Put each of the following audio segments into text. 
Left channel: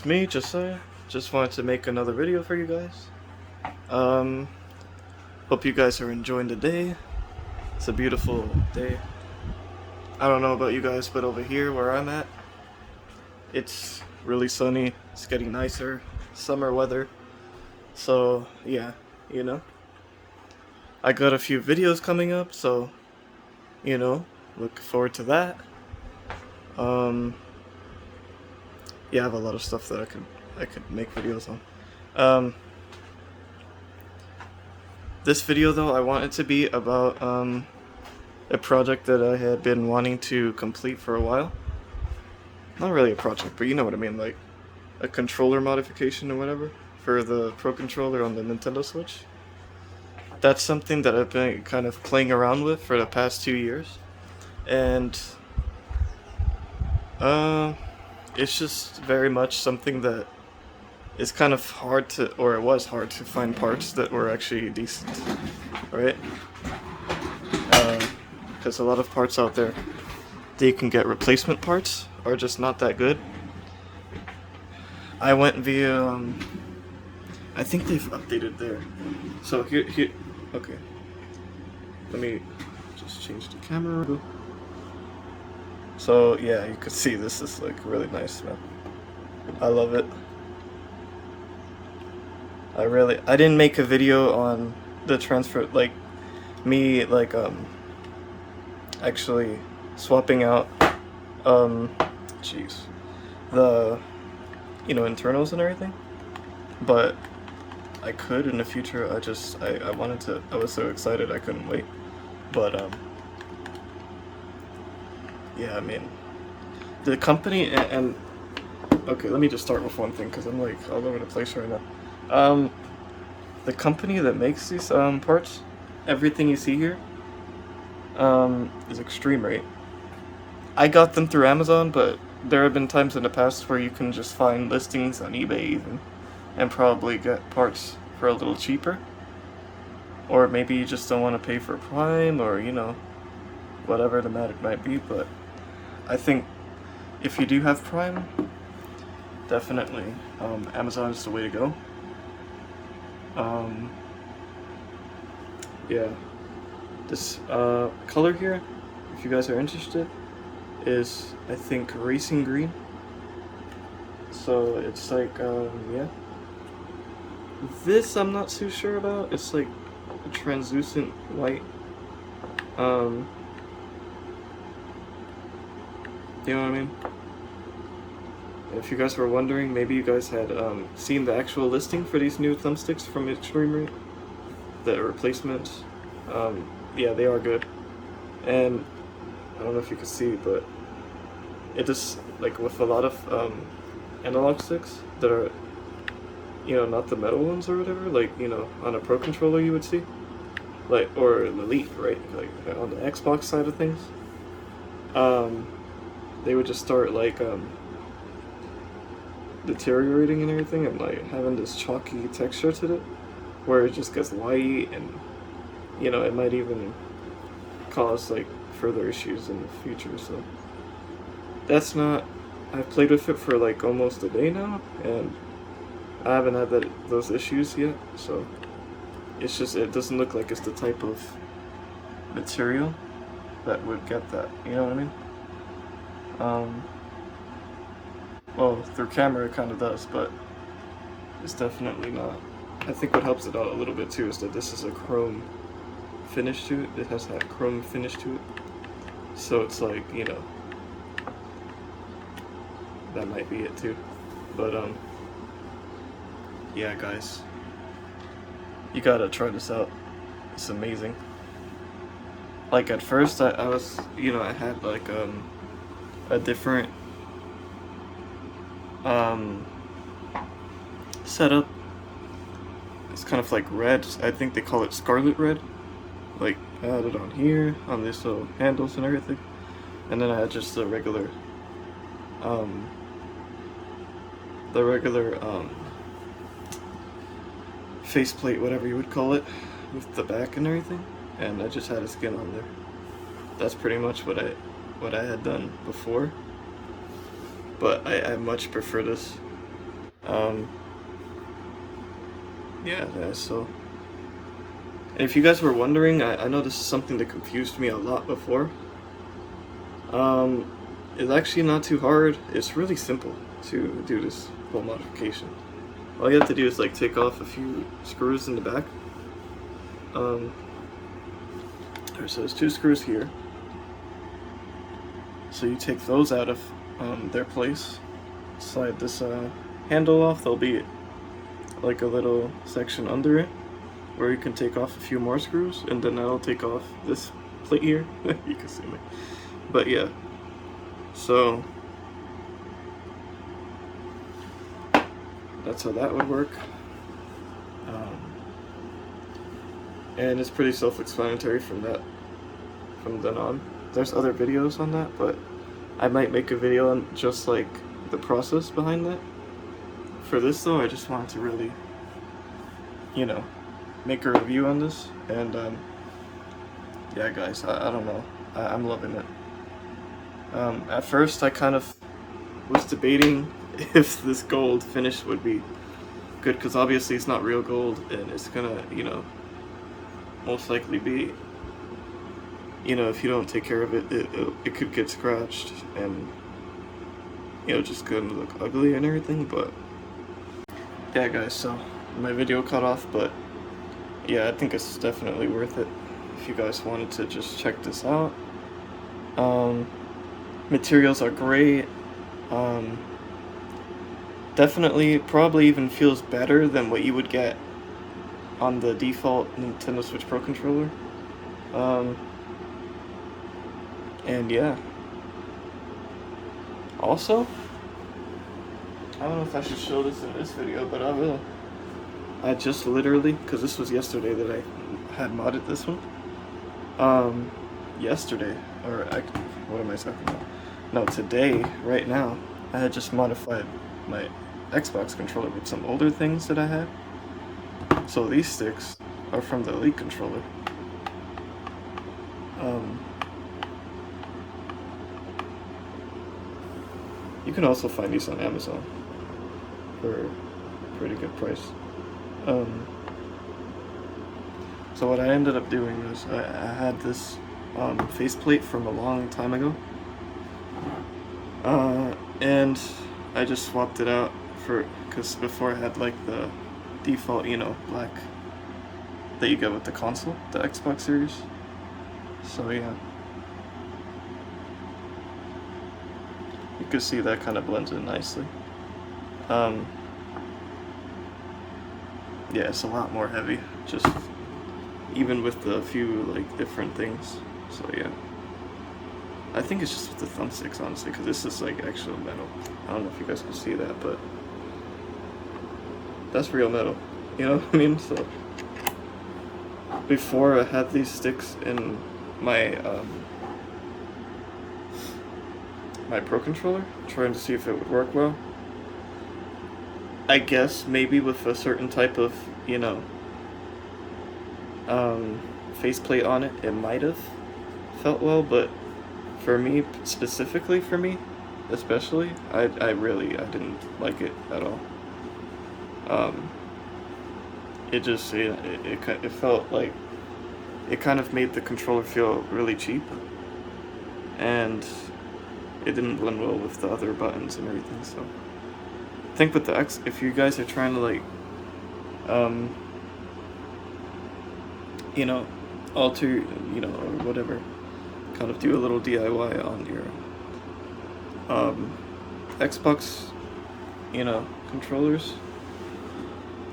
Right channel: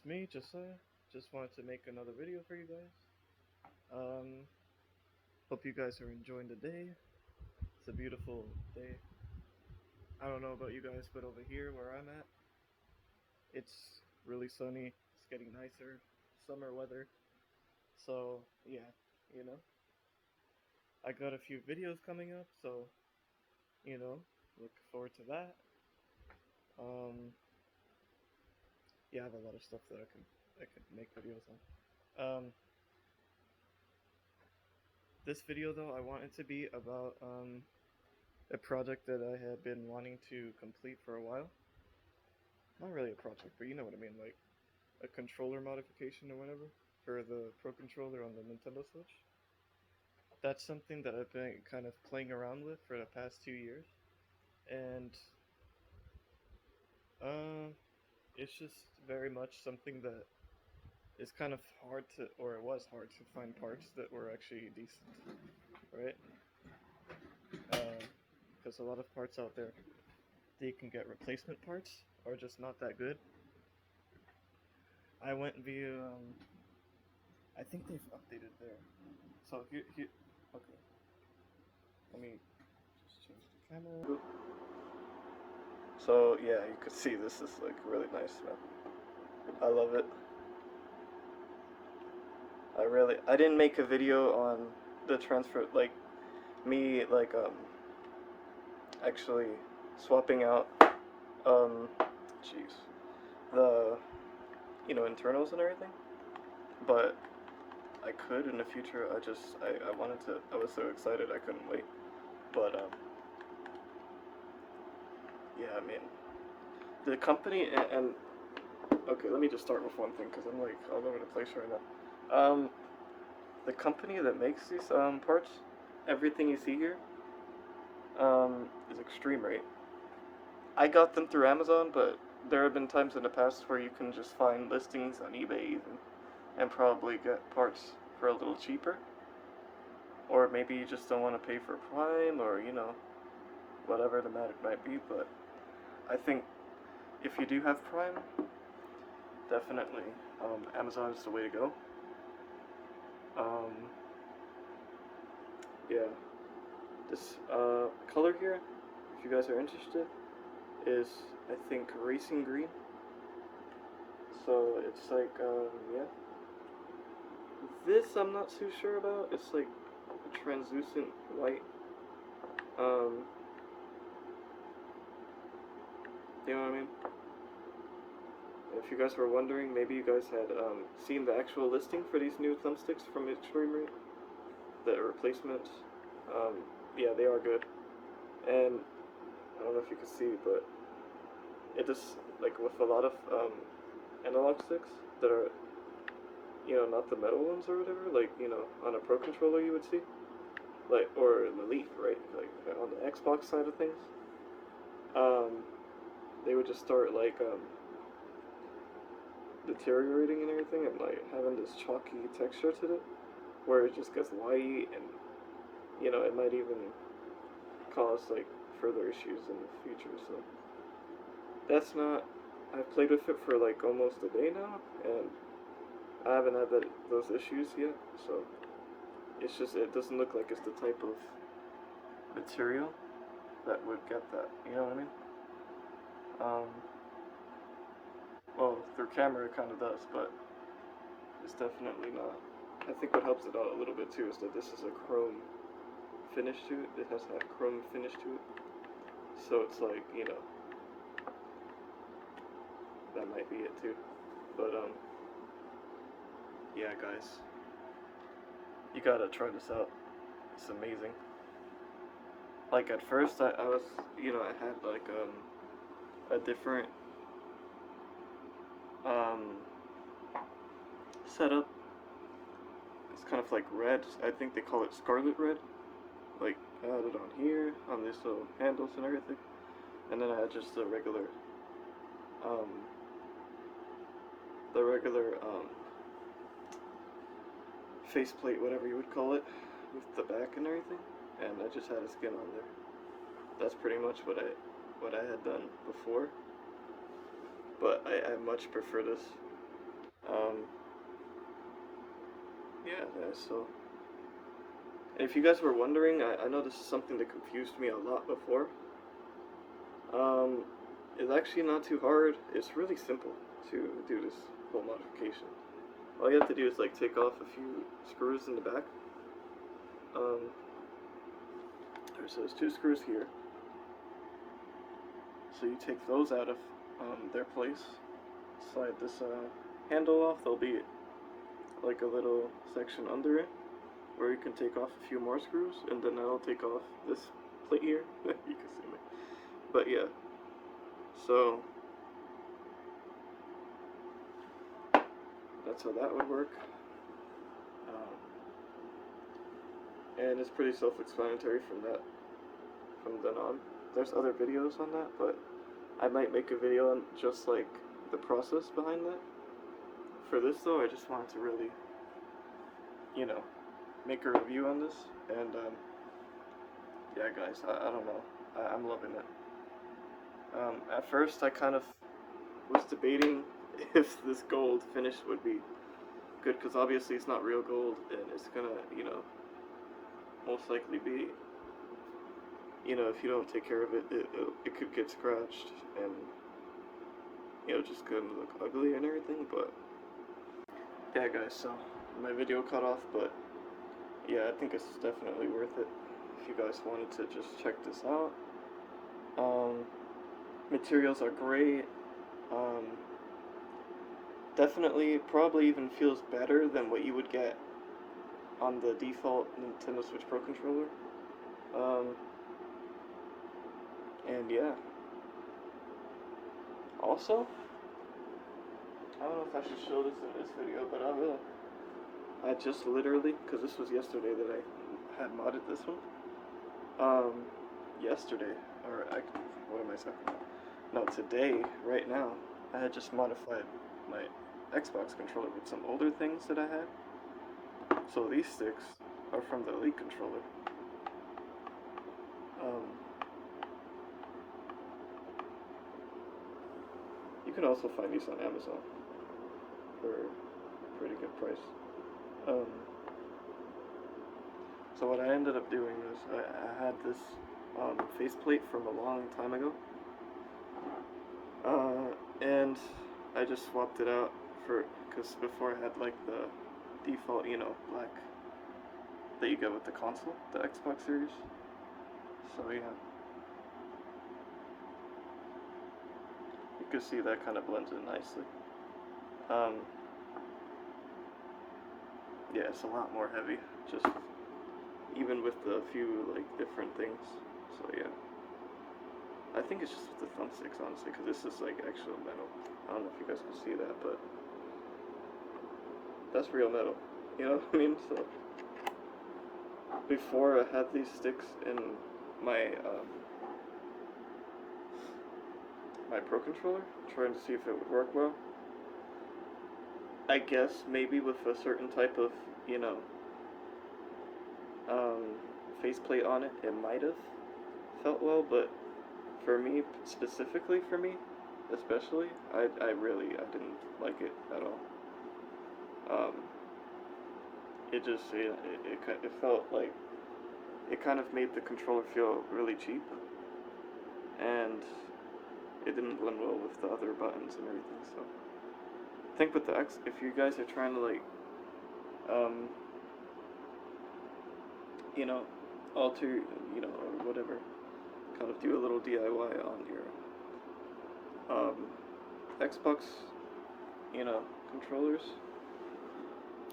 It's me, Josiah. Just wanted to make another video for you guys. Um, Hope you guys are enjoying the day. It's a beautiful day. I don't know about you guys, but over here where I'm at, it's really sunny. It's getting nicer. Summer weather. So, yeah, you know. I got a few videos coming up, so, look forward to that. Um, yeah, I have a lot of stuff that I could make videos on. This video though, I want it to be about a project that I had been wanting to complete for a while. Not really a project, but you know what I mean, like a controller modification or whatever for the Pro Controller on the Nintendo Switch. That's something that I've been kind of playing around with for the past 2 years, and uh, it's just very much something that is kind of hard to, or it was hard to find parts that were actually decent, right? Because a lot of parts out there that you can get replacement parts are just not that good. I went via, I think they've updated there. So here, okay. Let me just change the camera. So yeah, you could see this is like really nice, man. I love it. I didn't make a video on the transfer, like me, like actually swapping out, jeez, the, internals and everything, but I could in the future. I wanted to. I was so excited I couldn't wait. But yeah, I mean, the company and okay, let me just start with one thing because I'm like all over the place right now. The company that makes these parts, everything you see here, is extremerate. I got them through Amazon, but there have been times in the past where you can just find listings on eBay even, and probably get parts for a little cheaper. Or maybe you just don't want to pay for Prime, or whatever the matter might be. But I think if you do have Prime, definitely Amazon is the way to go. Yeah, this color here, if you guys are interested, is I think racing green. So it's like yeah. This I'm not too sure about. It's like a translucent white. Um, you know what I mean? If you guys were wondering, maybe you guys had seen the actual listing for these new thumbsticks from Extremerate, the replacements. Yeah, they are good. And I don't know if you can see, but it just, like with a lot of analog sticks that are, not the metal ones or whatever, like, on a Pro Controller you would see, like, or an Elite, right? Like on the Xbox side of things. They would just start like deteriorating and everything, and like having this chalky texture to it, where it just gets white, and it might even cause like further issues in the future. So that's not. I've played with it for like almost a day now, and I haven't had those issues yet. So it's just, it doesn't look like it's the type of material that would get that. You know what I mean? Well, through camera it kind of does, but it's definitely not. I think what helps it out a little bit too is that this is a chrome finish to it. It has that chrome finish to it. So it's like, that might be it too. But yeah, guys, you gotta try this out. It's amazing. Like at first I was, I had like a different setup. It's kind of like red. I think they call it scarlet red. Like I had it on here, on these little handles and everything, and then I had just the regular faceplate, whatever you would call it, with the back and everything, and I just had a skin on there. That's pretty much what I had done before, but I much prefer this. Um, yeah, so. And if you guys were wondering, I know this is something that confused me a lot before. Um, it's actually not too hard. It's really simple to do this whole modification. All you have to do is like take off a few screws in the back. So there's 2 screws here. So you take those out of their place. Slide this handle off. There'll be like a little section under it where you can take off a few more screws, and then that'll take off this plate here. You can see me. But yeah, so that's how that would work. And it's pretty self-explanatory from then on. There's other videos on that, but I might make a video on just like the process behind that. For this though, I just wanted to really, you know, make a review on this, and yeah guys, I don't know, I'm loving it. At first I kind of was debating if this gold finish would be good, because obviously it's not real gold, and it's gonna, you know, most likely be, you know, if you don't take care of it, it could get scratched, and, you know, just gonna look ugly and everything. But yeah guys, so my video cut off, but yeah, I think it's definitely worth it if you guys wanted to just check this out. Materials are great. Definitely, probably even feels better than what you would get on the default Nintendo Switch Pro controller. And yeah. Also, I don't know if I should show this in this video, but I will. I just literally, because this was yesterday that I had modded this one. Yesterday, or what am I talking about? No, today, right now, I had just modified my Xbox controller with some older things that I had. So these sticks are from the Elite controller. You can also find these on Amazon for a pretty good price. So what I ended up doing was I had this faceplate from a long time ago, and I just swapped it out because before I had like the default, you know, black that you get with the console, the Xbox Series. So yeah, you can see that kind of blends in nicely. Yeah, it's a lot more heavy, just even with the few like different things. So yeah, I think it's just with the thumbsticks, honestly, because this is like actual metal. I don't know if you guys can see that, but that's real metal, you know what I mean? So before I had these sticks in my my Pro controller, trying to see if it would work well. I guess maybe with a certain type of, you know, faceplate on it, it might have felt well, but for me, specifically for me, especially, I didn't like it at all. It just, it felt like, it kind of made the controller feel really cheap, and it didn't blend well with the other buttons and everything, so. I think with the X, if you guys are trying to like, you know, alter, you know, or whatever, kind of do a little DIY on your Xbox, you know, controllers,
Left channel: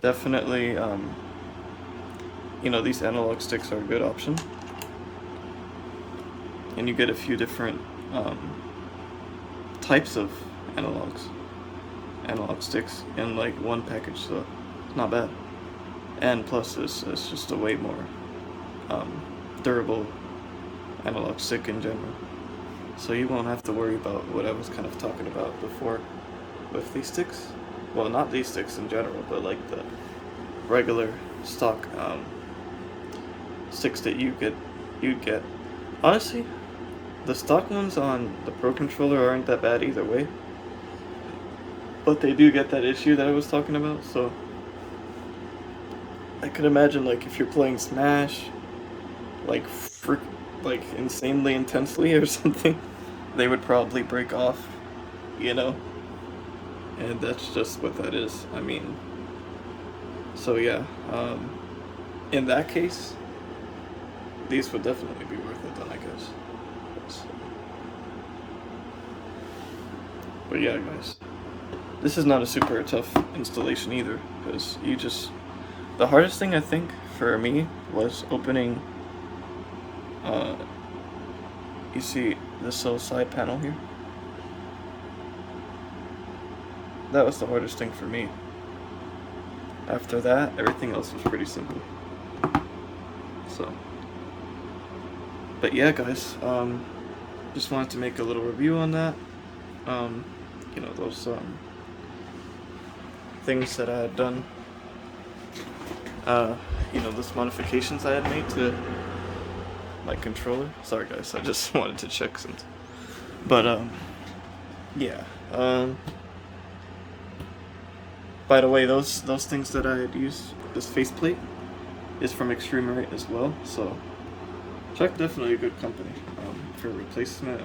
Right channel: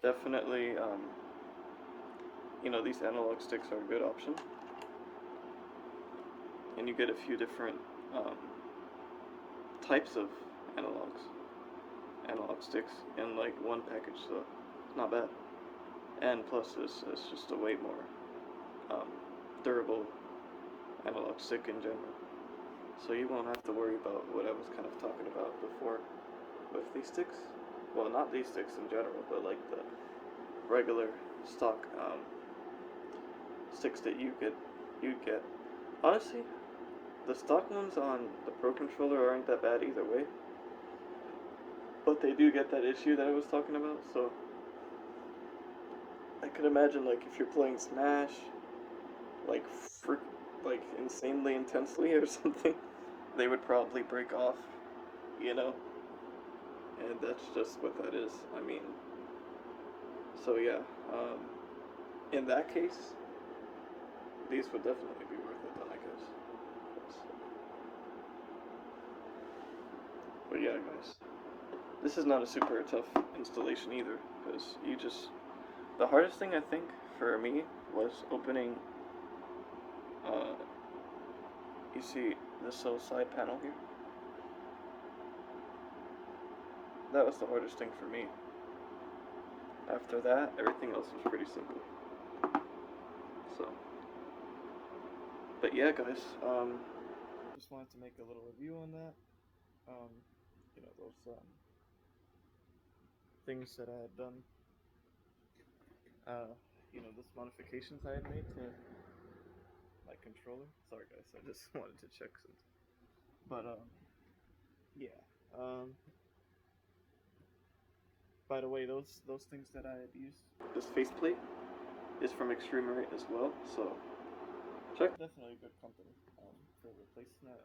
definitely, you know, these analog sticks are a good option, and you get a few different types of analog sticks in like one package, so not bad. And plus, it's just a way more durable analog stick in general, so you won't have to worry about what I was kind of talking about before with these sticks. Well, not these sticks in general, but like the regular stock sticks that you'd get. Honestly, the stock ones on the Pro controller aren't that bad either way. but they do get that issue that I was talking about. So I could imagine like if you're playing Smash, like like insanely intensely or something, they would probably break off, you know. And that's just what that is. I mean, so yeah. In that case, these would definitely be worth it then, I guess. So, but yeah, guys, this is not a super tough installation either, because you just the hardest thing I think for me was opening. Uh, you see this little side panel here? That was the hardest thing for me. After that, everything else was pretty simple. So, but yeah, guys, just wanted to make a little review on that. Um, those things that I had done. Those modifications I had made to my controller. Sorry, guys, I just wanted to check something. But yeah. By the way, those things that I had used, this faceplate, is from Extremerate as well. So check, definitely a good company for replacement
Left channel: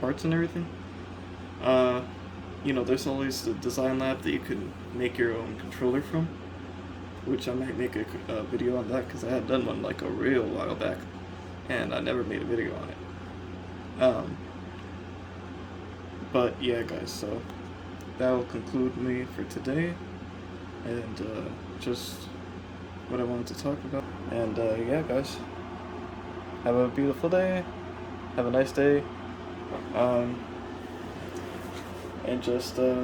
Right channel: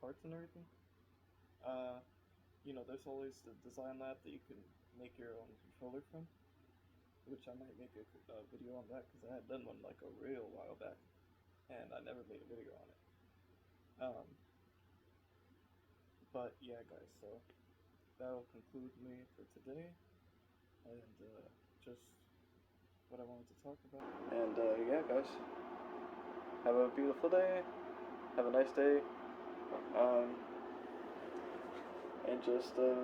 parts and everything. There's always the design lab that you can make your own controller from, which I might make a video on that because I had done one like a real while back, and I never made a video on it. But yeah, guys, so that will conclude me for today, and just what I wanted to talk about. And yeah, guys, have a beautiful day, have a nice day, and just I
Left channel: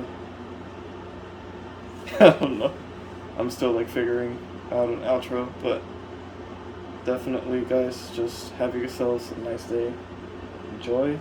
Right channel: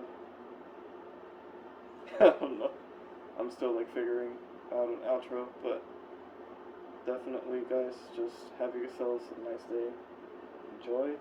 don't know, I'm still like figuring out an outro, but definitely, guys, just have yourselves a nice day, enjoy,